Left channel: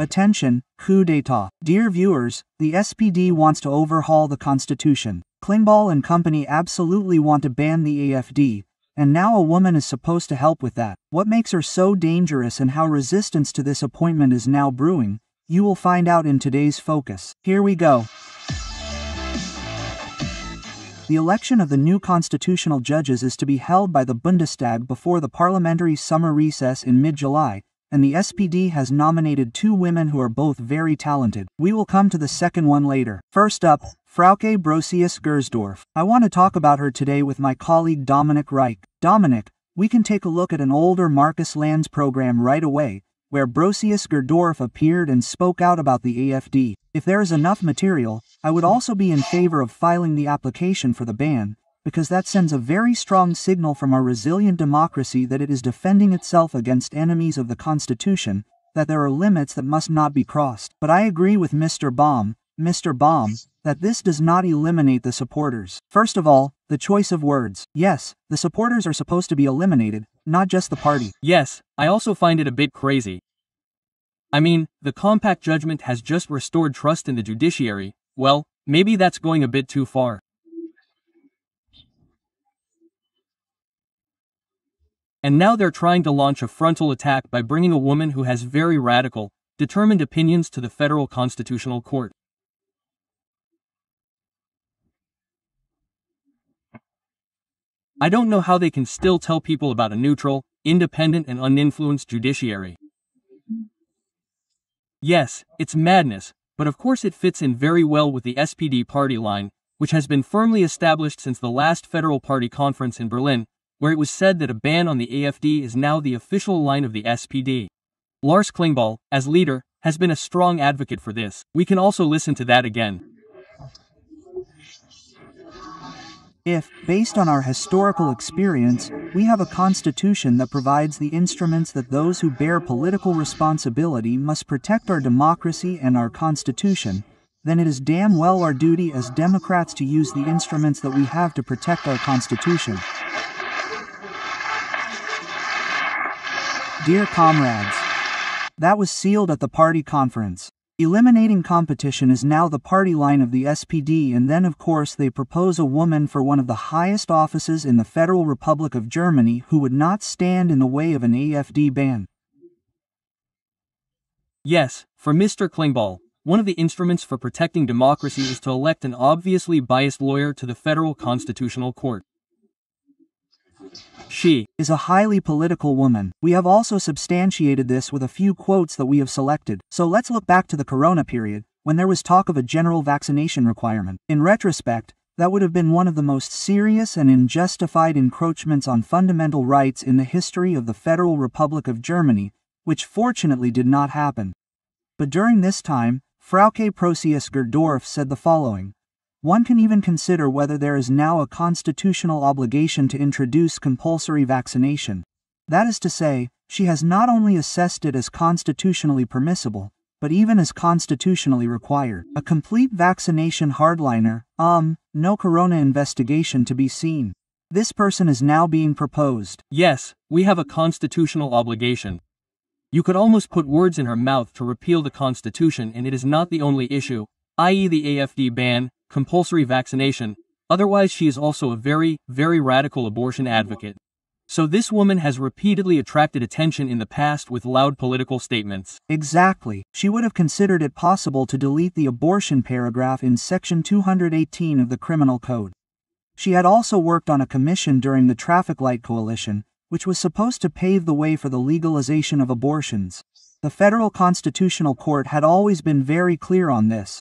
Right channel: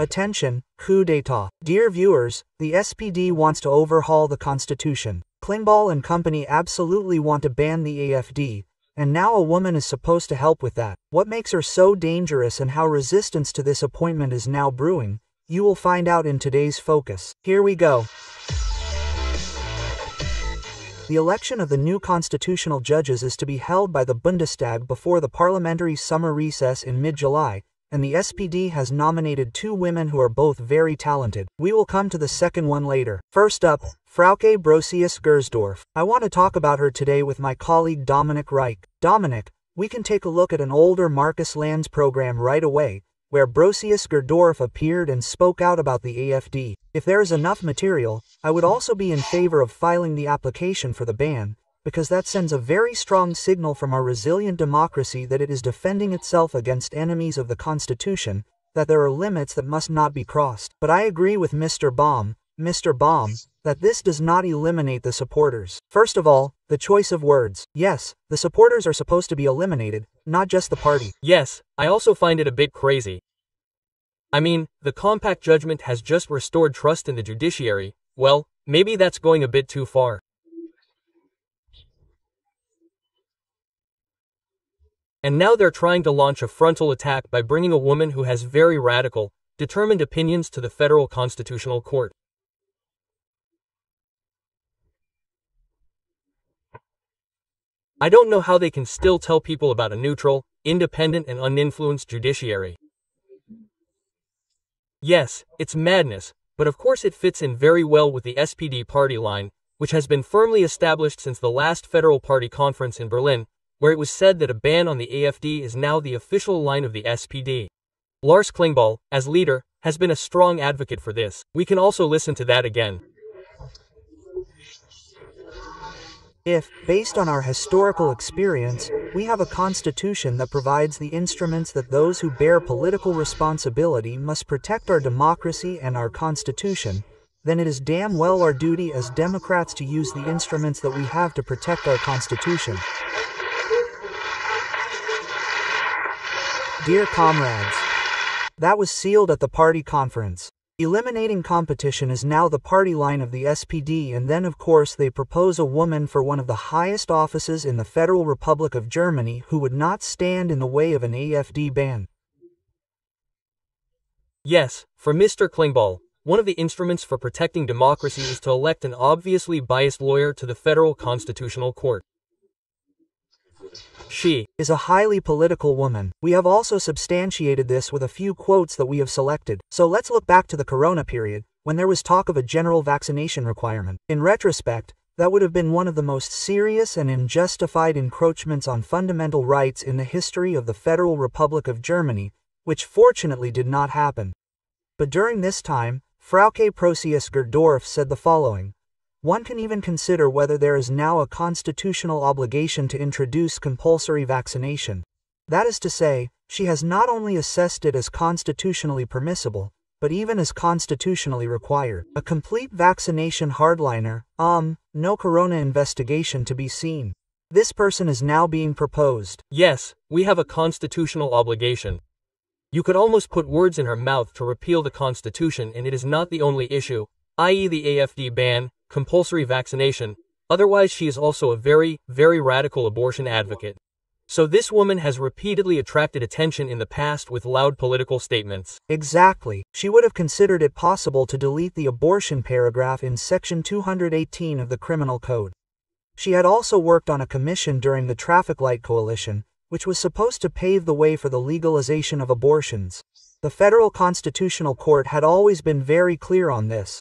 Attention, coup d'etat. Dear viewers, the SPD wants to overhaul the Constitution. Klingbeil and company absolutely want to ban the AfD, and now a woman is supposed to help with that. What makes her so dangerous and how resistance to this appointment is now brewing, you will find out in today's focus. Here we go. The election of the new constitutional judges is to be held by the Bundestag before the parliamentary summer recess in mid-July, and the SPD has nominated 2 women who are both very talented. We will come to the second one later. First up, Frau Gersdorf. I want to talk about her today with my colleague Dominik Reichert. Dominik, we can take a look at an older Marcus Lanz program right away, where Gersdorf appeared and spoke out about the AfD. If there is enough material, I would also be in favor of filing the application for the ban, because that sends a very strong signal from our resilient democracy that it is defending itself against enemies of the Constitution, that there are limits that must not be crossed. But I agree with Mr. Baum, that this does not eliminate the supporters. First of all, the choice of words. Yes, the supporters are supposed to be eliminated, not just the party. Yes, I also find it a bit crazy. I mean, the compact judgment has just restored trust in the judiciary. Well, maybe that's going a bit too far. And now they're trying to launch a frontal attack by bringing a woman who has very radical, determined opinions to the Federal Constitutional Court. I don't know how they can still tell people about a neutral, independent and uninfluenced judiciary. Yes, it's madness, but of course it fits in very well with the SPD party line, which has been firmly established since the last federal party conference in Berlin, where it was said that a ban on the AfD is now the official line of the SPD. Lars Klingbeil, as leader, has been a strong advocate for this. We can also listen to that again. If, based on our historical experience, we have a constitution that provides the instruments that those who bear political responsibility must protect our democracy and our constitution, then it is damn well our duty as Democrats to use the instruments that we have to protect our constitution. Dear comrades, that was sealed at the party conference. Eliminating competition is now the party line of the SPD, and then of course they propose a woman for one of the highest offices in the Federal Republic of Germany who would not stand in the way of an AfD ban. Yes, for Mr. Klingbeil, one of the instruments for protecting democracy is to elect an obviously biased lawyer to the Federal Constitutional Court. She is a highly political woman. We have also substantiated this with a few quotes that we have selected. So let's look back to the Corona period, when there was talk of a general vaccination requirement. In retrospect, that would have been one of the most serious and unjustified encroachments on fundamental rights in the history of the Federal Republic of Germany, which fortunately did not happen. But during this time, Frau Gersdorf said the following: "One can even consider whether there is now a constitutional obligation to introduce compulsory vaccination." That is to say, she has not only assessed it as constitutionally permissible, but even as constitutionally required. A complete vaccination hardliner, no corona investigation to be seen. This person is now being proposed. Yes, we have a constitutional obligation. You could almost put words in her mouth to repeal the Constitution, and it is not the only issue, i.e. the AfD ban, compulsory vaccination. Otherwise she is also a very, very radical abortion advocate. So this woman has repeatedly attracted attention in the past with loud political statements. Exactly. She would have considered it possible to delete the abortion paragraph in Section 218 of the Criminal Code. She had also worked on a commission during the Traffic Light Coalition, which was supposed to pave the way for the legalization of abortions. The Federal Constitutional Court had always been very clear on this.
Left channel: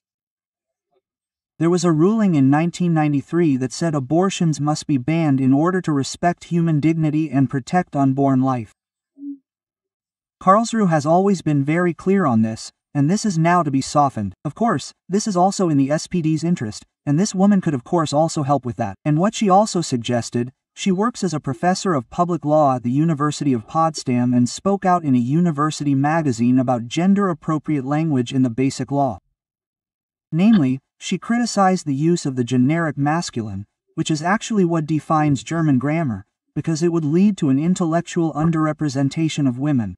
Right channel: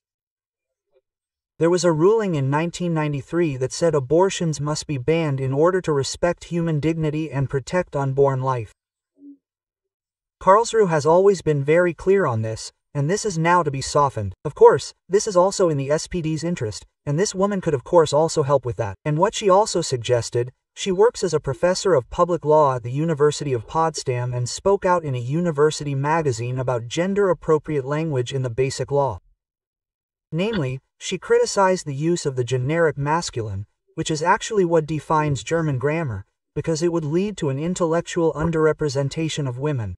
There was a ruling in 1993 that said abortions must be banned in order to respect human dignity and protect unborn life. Karlsruhe has always been very clear on this, and this is now to be softened. Of course, this is also in the SPD's interest, and this woman could of course also help with that. And what she also suggested, she works as a professor of public law at the University of Potsdam and spoke out in a university magazine about gender-appropriate language in the Basic Law. Namely, she criticized the use of the generic masculine, which is actually what defines German grammar, because it would lead to an intellectual underrepresentation of women.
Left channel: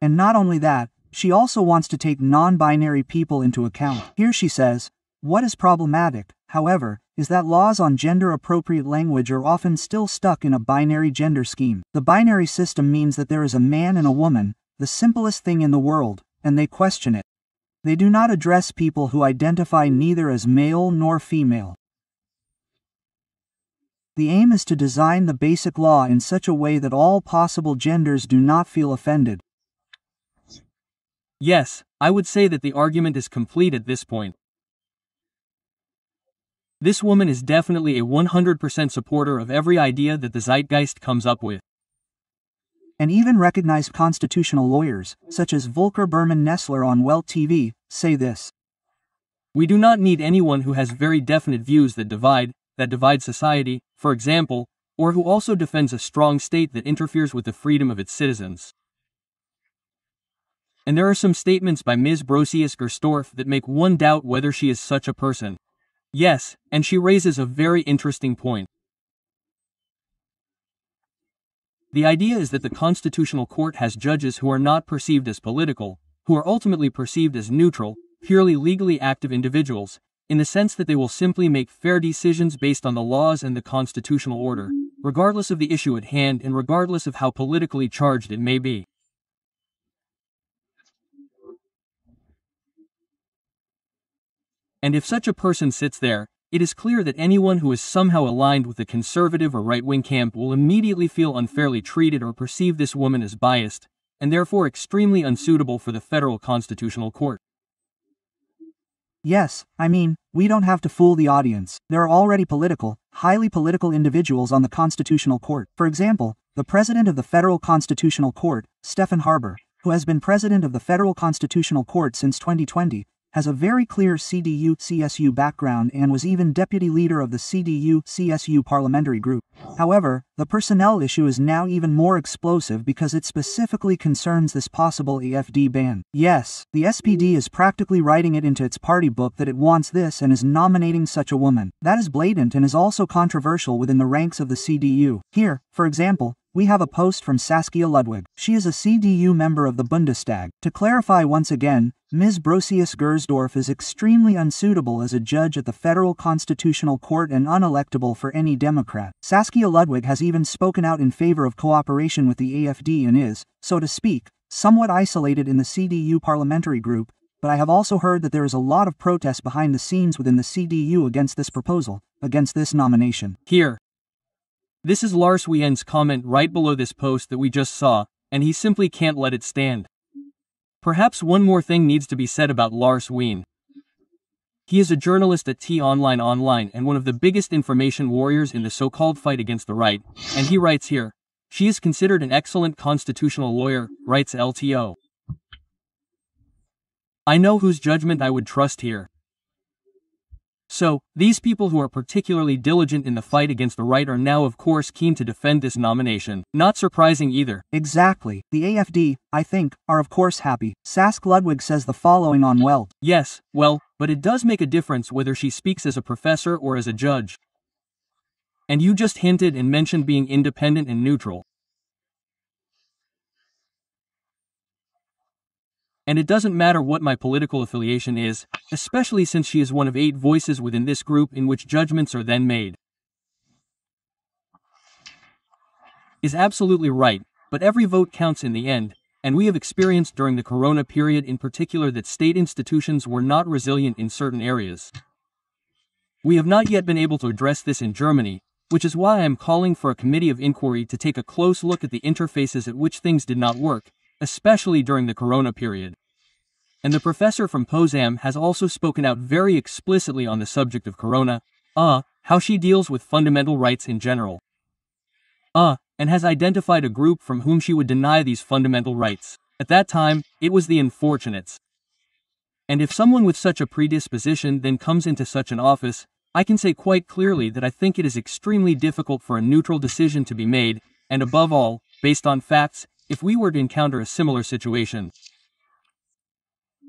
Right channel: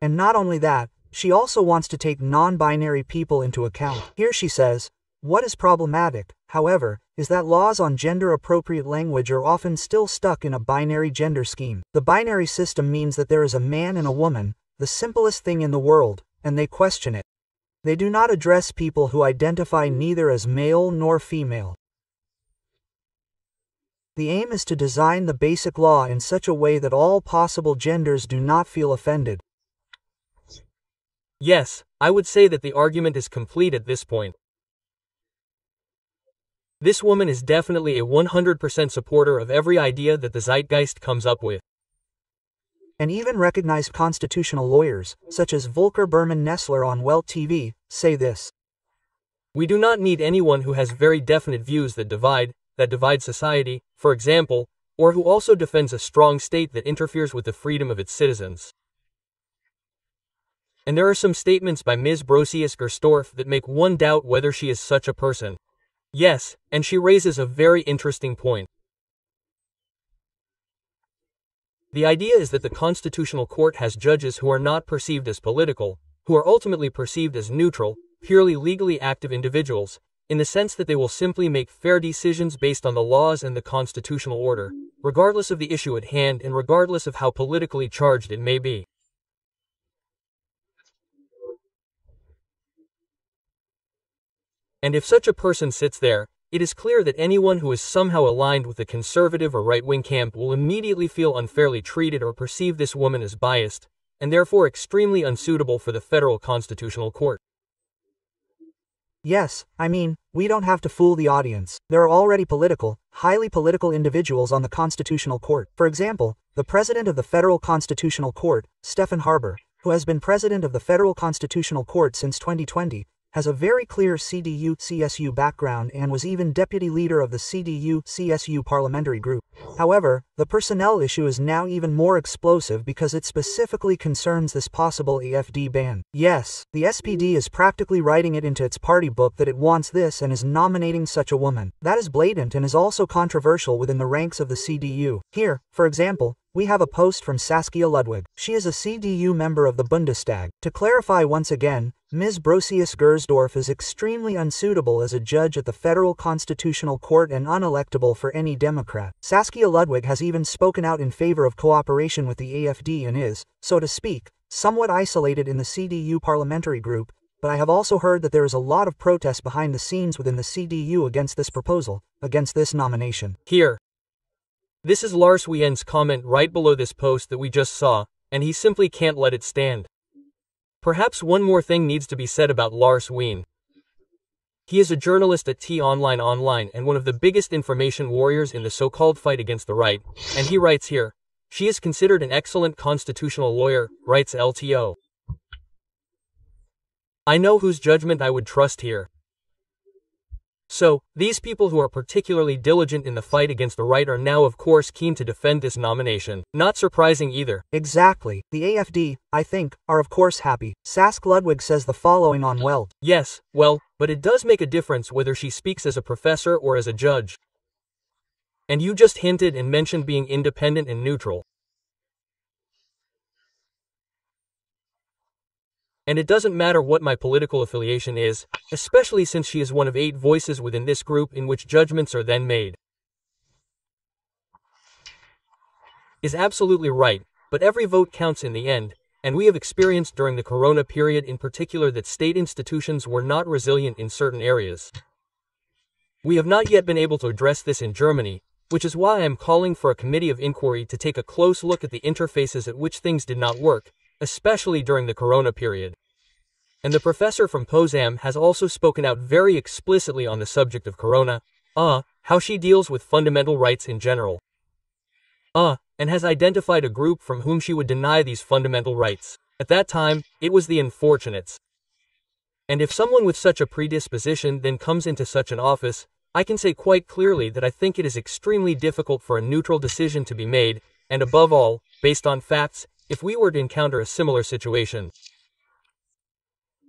And not only that, She also wants to take non-binary people into account. Here she says, "What is problematic, however, is that laws on gender-appropriate language are often still stuck in a binary gender scheme. The binary system means that there is a man and a woman, the simplest thing in the world, and they question it. They do not address people who identify neither as male nor female. The aim is to design the basic law in such a way that all possible genders do not feel offended." Yes, I would say that the argument is complete at this point. This woman is definitely a 100% supporter of every idea that the zeitgeist comes up with. And even recognized constitutional lawyers, such as Volker Berman Nessler on Welt TV, say this. We do not need anyone who has very definite views that divide society, for example, or who also defends a strong state that interferes with the freedom of its citizens. And there are some statements by Ms. Brosius-Gerstorff that make one doubt whether she is such a person. Yes, and she raises a very interesting point. The idea is that the Constitutional Court has judges who are not perceived as political, who are ultimately perceived as neutral, purely legally active individuals, in the sense that they will simply make fair decisions based on the laws and the constitutional order, regardless of the issue at hand and regardless of how politically charged it may be. And if such a person sits there, it is clear that anyone who is somehow aligned with the conservative or right-wing camp will immediately feel unfairly treated or perceive this woman as biased, and therefore extremely unsuitable for the federal constitutional court. Yes, I mean, we don't have to fool the audience. There are already highly political individuals on the Constitutional Court. For example, the President of the Federal Constitutional Court, Stephen Harper, who has been President of the Federal Constitutional Court since 2020, has a very clear CDU-CSU background and was even deputy leader of the CDU-CSU parliamentary group. However, the personnel issue is now even more explosive because it specifically concerns this possible AfD ban. Yes, the SPD is practically writing it into its party book that it wants this and is nominating such a woman. That is blatant and is also controversial within the ranks of the CDU. Here, for example, we have a post from Saskia Ludwig. She is a CDU member of the Bundestag. To clarify once again, Ms. Brosius-Gerstorff is extremely unsuitable as a judge at the Federal Constitutional Court and unelectable for any Democrat. Saskia Ludwig has even spoken out in favor of cooperation with the AfD and is, so to speak, somewhat isolated in the CDU parliamentary group, but I have also heard that there is a lot of protest behind the scenes within the CDU against this proposal, against this nomination. Here. This is Lars Wien's comment right below this post that we just saw, and he simply can't let it stand. Perhaps one more thing needs to be said about Lars Wien. He is a journalist at T-Online and one of the biggest information warriors in the so-called fight against the right, and he writes here, "She is considered an excellent constitutional lawyer," writes LTO. I know whose judgment I would trust here. So, these people who are particularly diligent in the fight against the right are now of course keen to defend this nomination. Not surprising either. Exactly. The AfD, I think, are of course happy. Sask Ludwig says the following on Welt. Yes, well, but it does make a difference whether she speaks as a professor or as a judge. And you just hinted and mentioned being independent and neutral. And it doesn't matter what my political affiliation is, especially since she is one of 8 voices within this group in which judgments are then made. Is absolutely right, but every vote counts in the end, and we have experienced during the corona period in particular that state institutions were not resilient in certain areas. We have not yet been able to address this in Germany, which is why I am calling for a committee of inquiry to take a close look at the interfaces at which things did not work, especially during the corona period. And the professor from Potsdam has also spoken out very explicitly on the subject of corona, how she deals with fundamental rights in general. And has identified a group from whom she would deny these fundamental rights. At that time, it was the unfortunates. And if someone with such a predisposition then comes into such an office, I can say quite clearly that I think it is extremely difficult for a neutral decision to be made, and above all, based on facts, if we were to encounter a similar situation.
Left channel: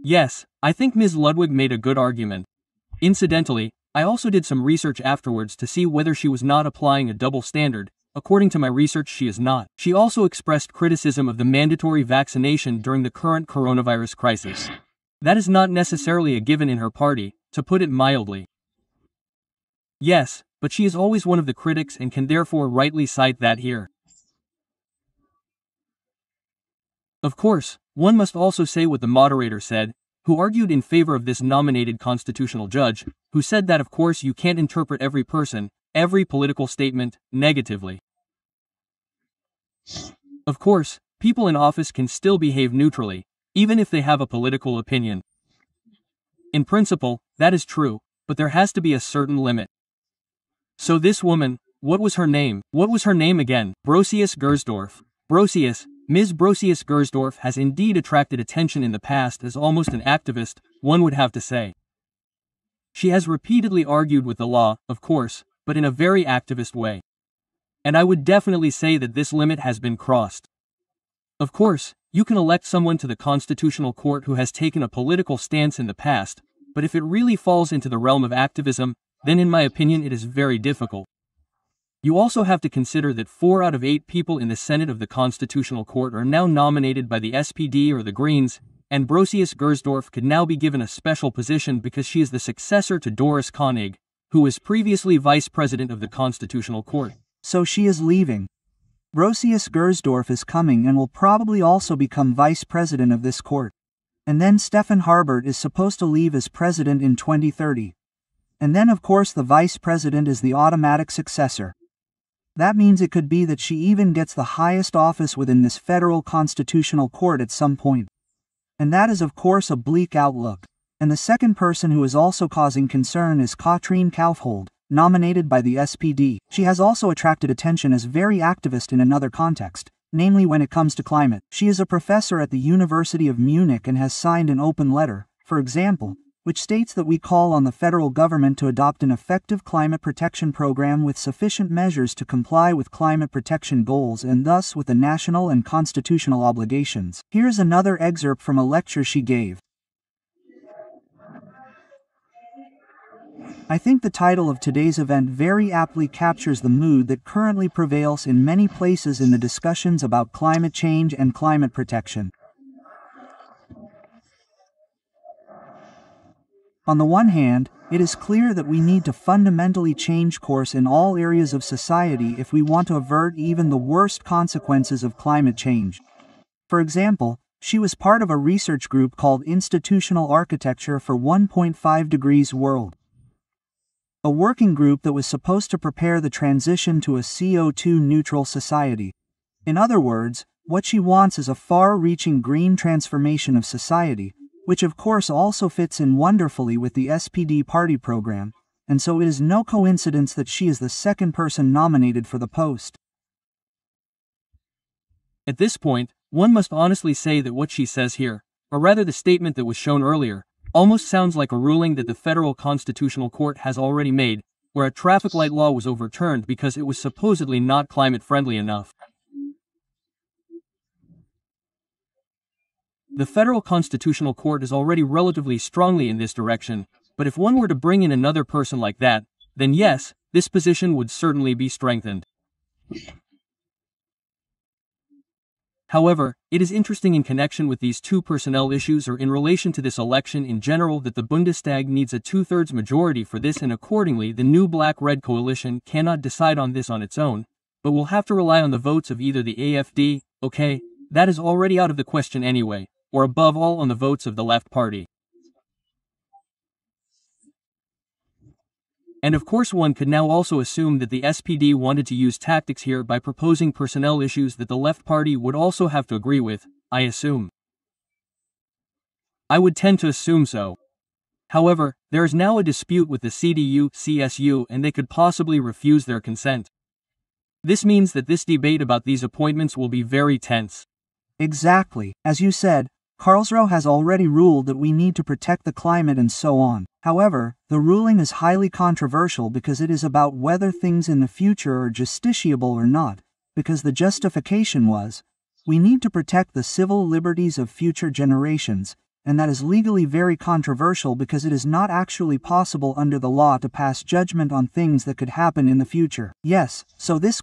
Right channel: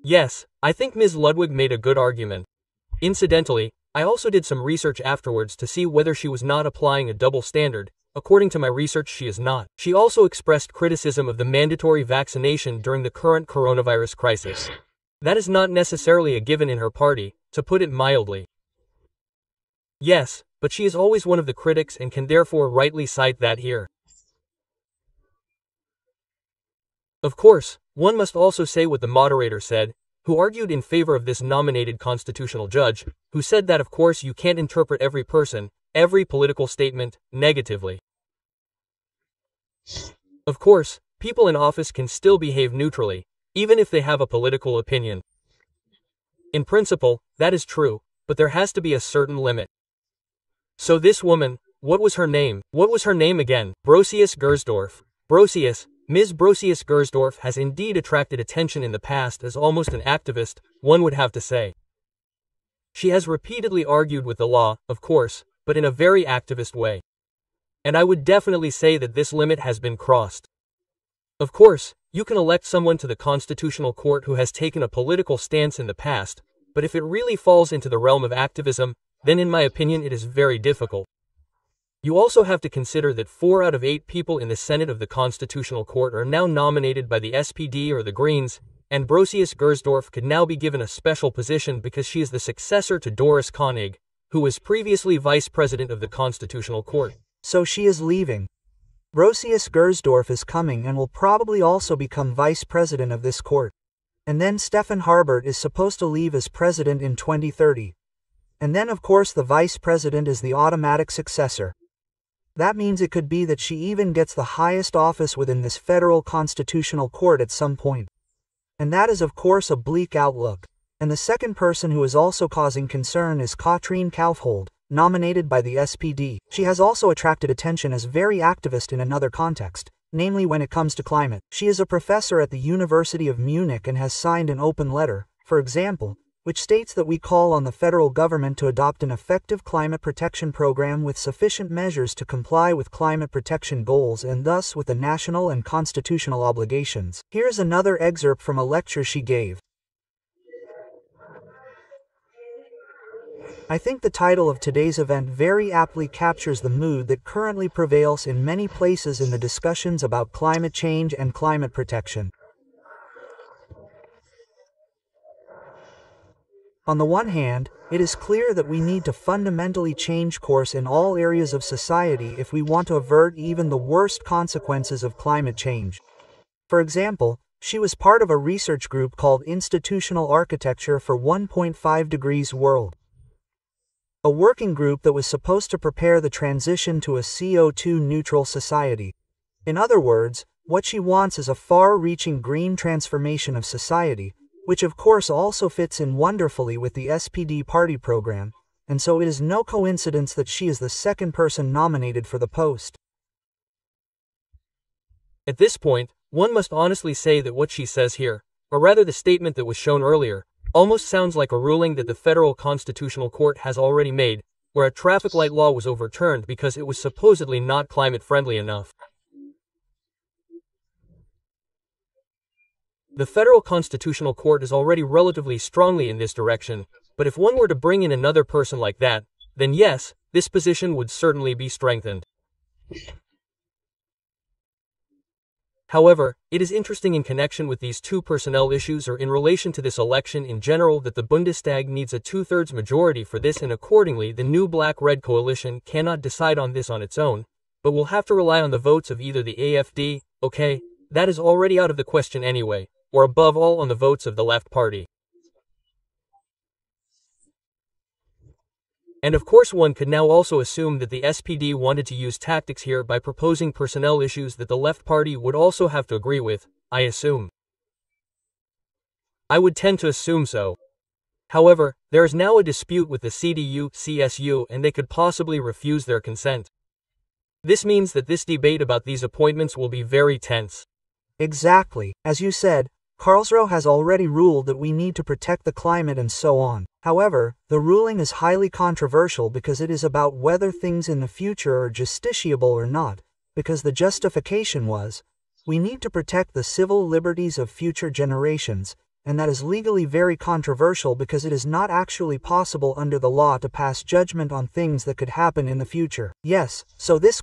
Yes, I think Ms. Ludwig made a good argument. Incidentally, I also did some research afterwards to see whether she was not applying a double standard, according to my research she is not. She also expressed criticism of the mandatory vaccination during the current coronavirus crisis. That is not necessarily a given in her party, to put it mildly. Yes, but she is always one of the critics and can therefore rightly cite that here. Of course, one must also say what the moderator said, who argued in favor of this nominated constitutional judge, who said that of course you can't interpret every person, every political statement, negatively. Of course, people in office can still behave neutrally, even if they have a political opinion. In principle, that is true, but there has to be a certain limit. So this woman, what was her name? What was her name again? Brosius-Gersdorf. Ms. Brosius-Gersdorf has indeed attracted attention in the past as almost an activist, one would have to say. She has repeatedly argued with the law, of course, but in a very activist way. And I would definitely say that this limit has been crossed. Of course, you can elect someone to the Constitutional Court who has taken a political stance in the past, but if it really falls into the realm of activism, then in my opinion it is very difficult. You also have to consider that 4 out of 8 people in the Senate of the Constitutional Court are now nominated by the SPD or the Greens, and Brosius-Gersdorf could now be given a special position because she is the successor to Doris Koenig, who was previously vice president of the Constitutional Court. So she is leaving. Brosius-Gersdorf is coming and will probably also become vice president of this court. And then Stefan Harbert is supposed to leave as president in 2030. And then of course the vice president is the automatic successor. That means it could be that she even gets the highest office within this federal constitutional court at some point. And that is of course a bleak outlook. And the second person who is also causing concern is Katrin Kaufhold, nominated by the SPD. She has also attracted attention as very activist in another context, namely when it comes to climate. She is a professor at the University of Munich and has signed an open letter, for example, which states that we call on the federal government to adopt an effective climate protection program with sufficient measures to comply with climate protection goals and thus with the national and constitutional obligations. Here's another excerpt from a lecture she gave. I think the title of today's event very aptly captures the mood that currently prevails in many places in the discussions about climate change and climate protection. On the one hand, it is clear that we need to fundamentally change course in all areas of society if we want to avert even the worst consequences of climate change. For example, she was part of a research group called Institutional Architecture for 1.5 Degrees World, a working group that was supposed to prepare the transition to a CO2-neutral society. In other words, what she wants is a far-reaching green transformation of society, which of course also fits in wonderfully with the SPD party program, and so it is no coincidence that she is the second person nominated for the post. At this point, one must honestly say that what she says here, or rather the statement that was shown earlier, almost sounds like a ruling that the Federal Constitutional Court has already made, where a traffic light law was overturned because it was supposedly not climate-friendly enough. The Federal Constitutional Court is already relatively strongly in this direction, but if one were to bring in another person like that, then yes, this position would certainly be strengthened. However, it is interesting in connection with these two personnel issues or in relation to this election in general that the Bundestag needs a 2/3 majority for this, and accordingly the new black-red coalition cannot decide on this on its own, but will have to rely on the votes of either the AfD, okay, that is already out of the question anyway, or above all on the votes of the left party. And of course one could now also assume that the SPD wanted to use tactics here by proposing personnel issues that the left party would also have to agree with, I assume. I would tend to assume so. However, there is now a dispute with the CDU-CSU and they could possibly refuse their consent. This means that this debate about these appointments will be very tense. Exactly. As you said, Karlsruhe has already ruled that we need to protect the climate and so on. However, the ruling is highly controversial because it is about whether things in the future are justiciable or not, because the justification was, we need to protect the civil liberties of future generations, and that is legally very controversial because it is not actually possible under the law to pass judgment on things that could happen in the future. Yes, so this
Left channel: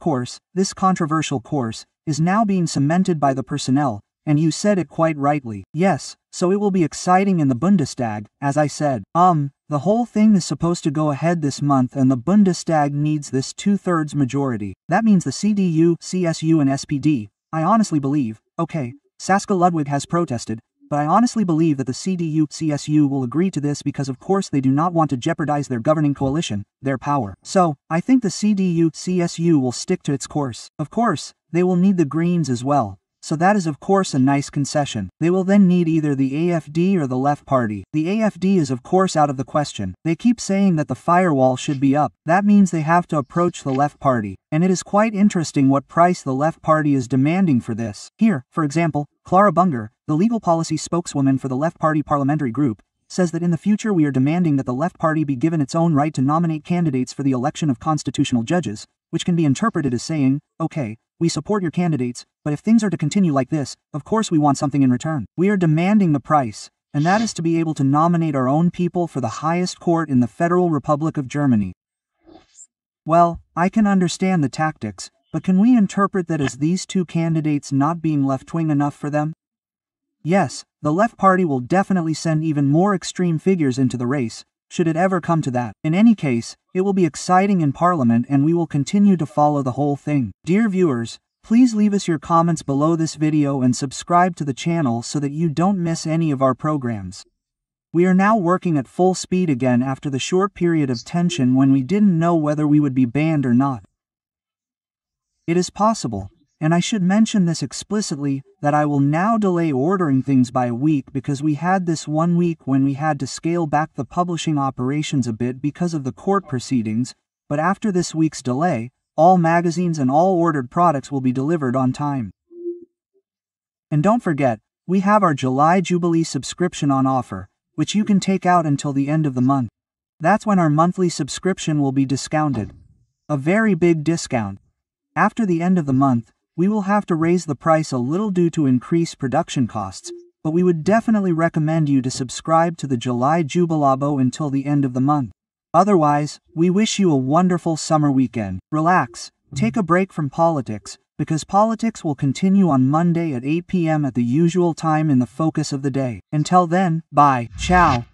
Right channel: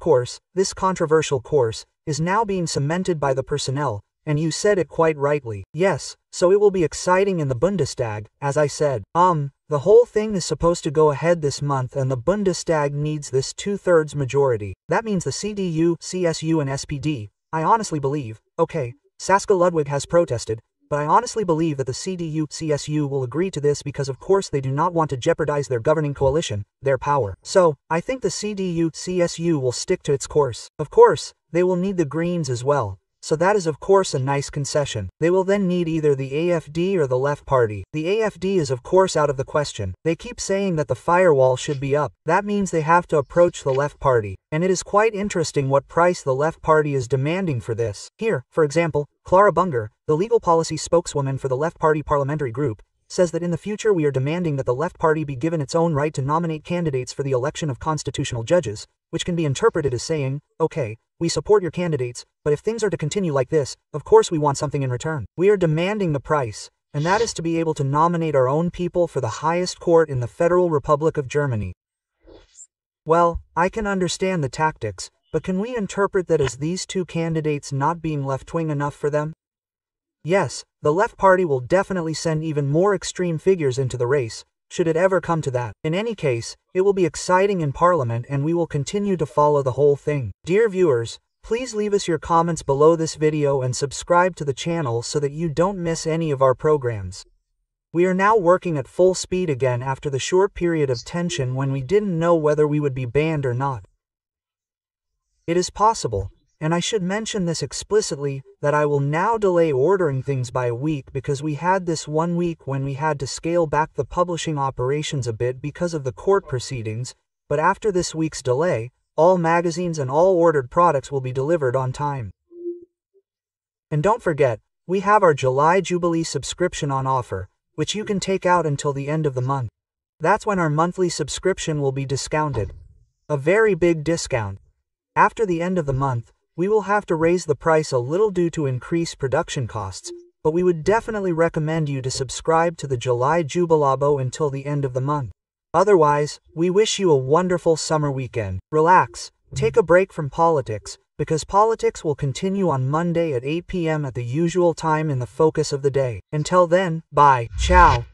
controversial course, is now being cemented by the personnel, and you said it quite rightly. Yes, so it will be exciting in the Bundestag, as I said. The whole thing is supposed to go ahead this month and the Bundestag needs this 2/3 majority. That means the CDU, CSU and SPD, I honestly believe, okay, Saskia Ludwig has protested, but I honestly believe that the CDU, CSU will agree to this because of course they do not want to jeopardize their governing coalition, their power. So, I think the CDU, CSU will stick to its course. Of course, they will need the Greens as well. So that is of course a nice concession. They will then need either the AfD or the Left Party. The AfD is of course out of the question. They keep saying that the firewall should be up. That means they have to approach the Left Party. And it is quite interesting what price the Left Party is demanding for this. Here, for example, Clara Bunger, the legal policy spokeswoman for the Left Party parliamentary group, says that in the future we are demanding that the Left Party be given its own right to nominate candidates for the election of constitutional judges, which can be interpreted as saying, okay, we support your candidates, but if things are to continue like this, of course we want something in return. We are demanding the price, and that is to be able to nominate our own people for the highest court in the Federal Republic of Germany. Well, I can understand the tactics, but can we interpret that as these two candidates not being left-wing enough for them? Yes, the Left Party will definitely send even more extreme figures into the race, should it ever come to that. In any case, it will be exciting in Parliament and we will continue to follow the whole thing. Dear viewers, please leave us your comments below this video and subscribe to the channel so that you don't miss any of our programs. We are now working at full speed again after the short period of tension when we didn't know whether we would be banned or not. It is possible, and I should mention this explicitly, that I will now delay ordering things by a week because we had this 1 week when we had to scale back the publishing operations a bit because of the court proceedings, but after this week's delay, all magazines and all ordered products will be delivered on time. And don't forget, we have our July Jubilee subscription on offer, which you can take out until the end of the month. That's when our monthly subscription will be discounted. A very big discount. After the end of the month, we will have to raise the price a little due to increased production costs, but we would definitely recommend you to subscribe to the July Jubilabo until the end of the month. Otherwise, we wish you a wonderful summer weekend. Relax, take a break from politics, because politics will continue on Monday at 8 p.m. at the usual time in the focus of the day. Until then, bye, ciao.